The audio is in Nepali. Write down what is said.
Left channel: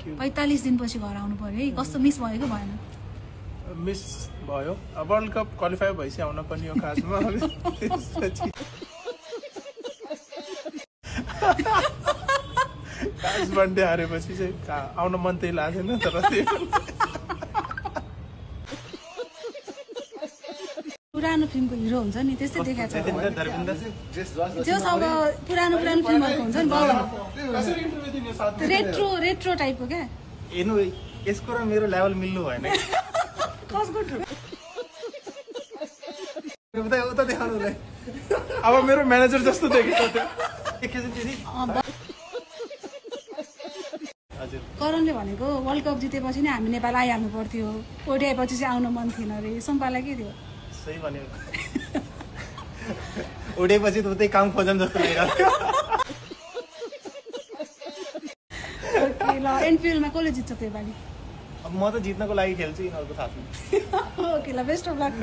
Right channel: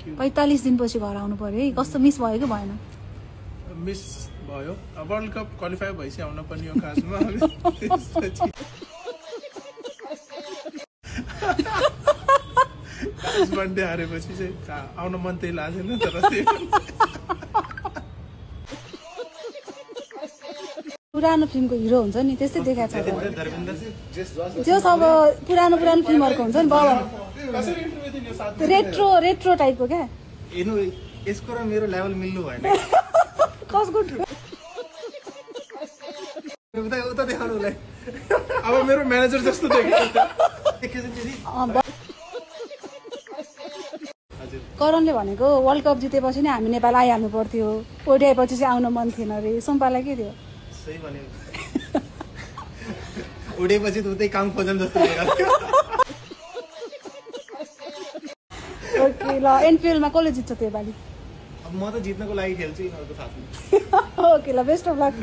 Thank you. 45 दिनपछि घर आउनु पर्यो है, कस्तो मिस भयो कि भएन? मिस भयो। वर्ल्ड कप क्वालिफाई भइसक्यो आउन पनि यो खासमा। खास वनडे हारेपछि चाहिँ आउन मन त्यही लाग्दैन तर पुरानो फिल्मको हिरो हुन्छ नि त्यस्तै देखाएको छ। जस अब पुरानो फिल्महरुको हुन्छ नि रेट्रो टाइपको क्या। हेर्नु यसको र मेरो लेभल मिल्नु भएन। कसको उता देखाउनुलाई अब मेरो म्यानेजर जस्तो देख्छ। करणले भनेको वर्ल्ड कप जितेपछि नै हामी नेपाल आइहाल्नु पर्थ्यो, ओडिआएपछि चाहिँ आउन मन थिएन अरे। सुम्पालाई के थियो? सही भन्यो। ओडिआएपछि त उतै काम खोजम जस्तो लाग्यो। ओके ल, एनपिएलमा कसले जित्छ त्यो पालि? अब म त जित्नको लागि खेल्छु, यिनीहरूको साथमा। ओके ल, बेस्ट अफ लक।